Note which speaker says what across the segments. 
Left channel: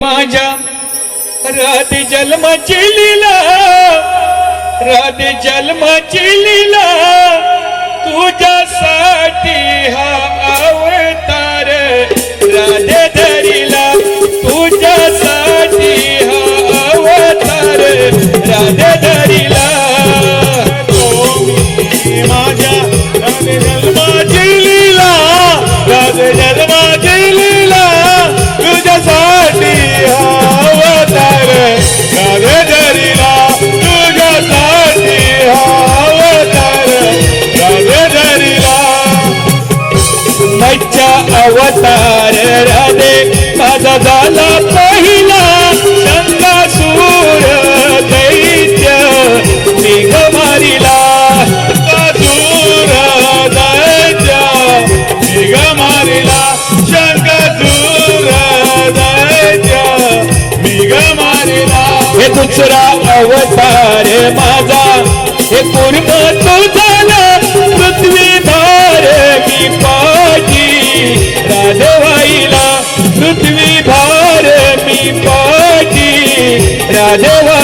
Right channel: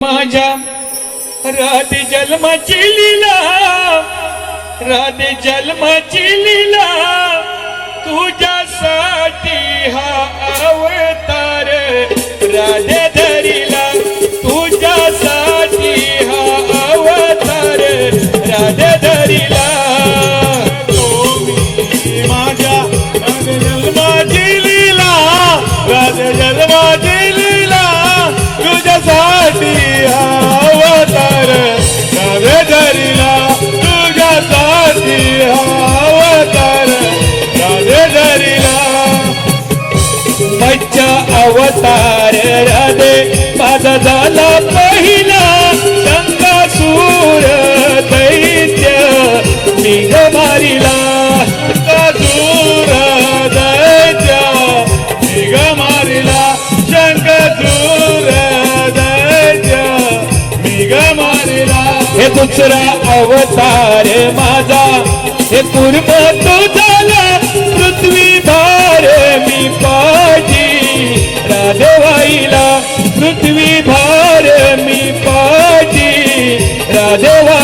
Speaker 1: माझ्या राधे जन्माची लीला राधे जन्माची लीला. दे माझा झाला पहिला शंकासूर दैत्य. निघ मारिला. शंकासूर दैत्य. निघ मारिला. शंकासूर दैत्य. निघ मारिला. हे दुसरा अवतार माझा. हे पूर्ण तुझाला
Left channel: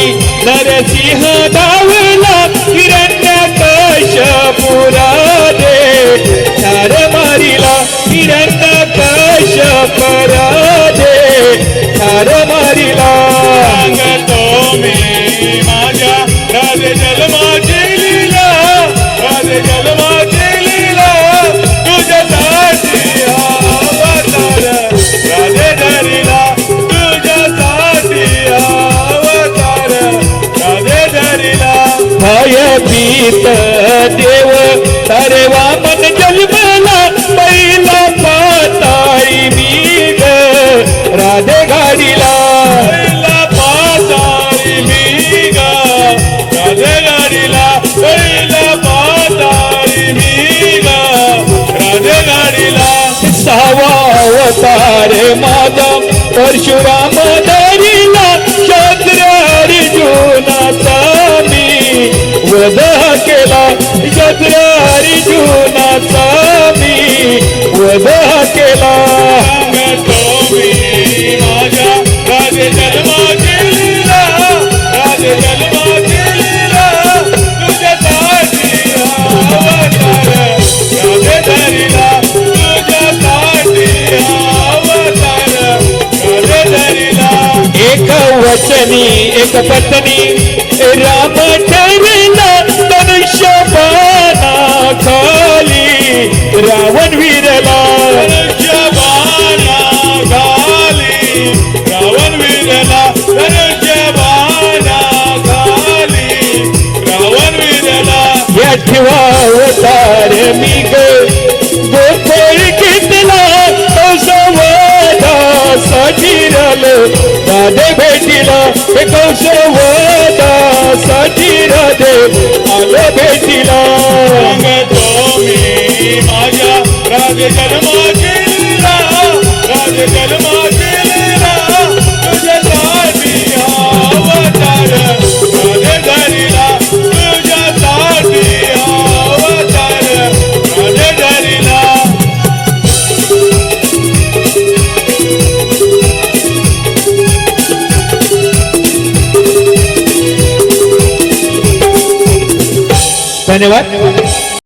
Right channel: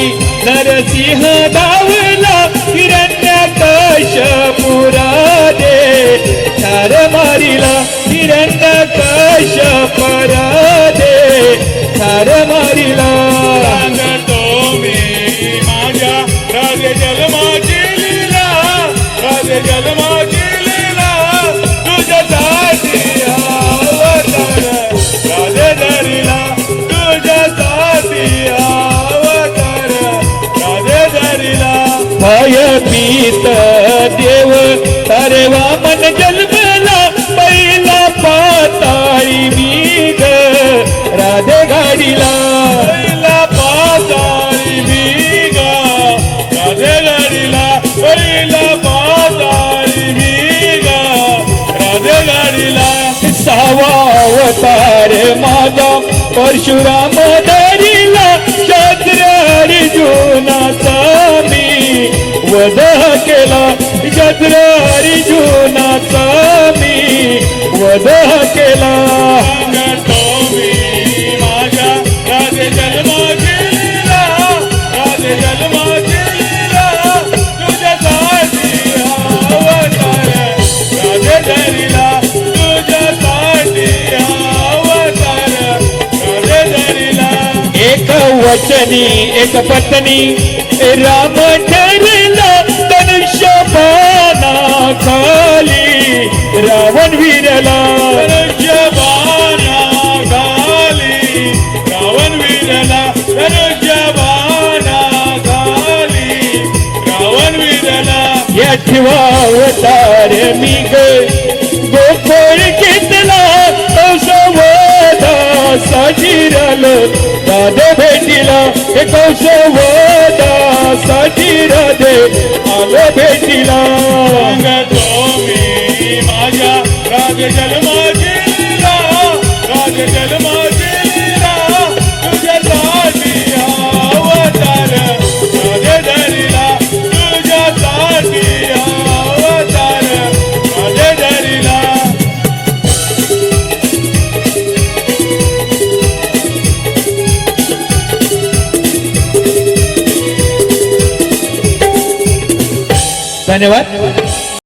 Speaker 1: नरसिंह धावला हिरण्य कशपुरा दे ठार मारिला हिरण्य कशपुरा दे ठार मारिला. तो मी माझ्या राजे सार माधव परशुराम धरिला शस्त्र अर्जुनाचा मी वध केला. शस्त्र अर्जुनाचा मी वध केला. एक वचनी एक पत्नी राम ठरला धनुष्य खाली रावण विरला धनुष्य रावण अवतार मी ग गोकुळ घेतला कौशवादा सजिरलो राधे भेटिला हे कौशवादा सजिराधे आलो भेटिला तुम्ही माझ्या राधे जन्मा केला राधे जन्मा ধন্যবাদ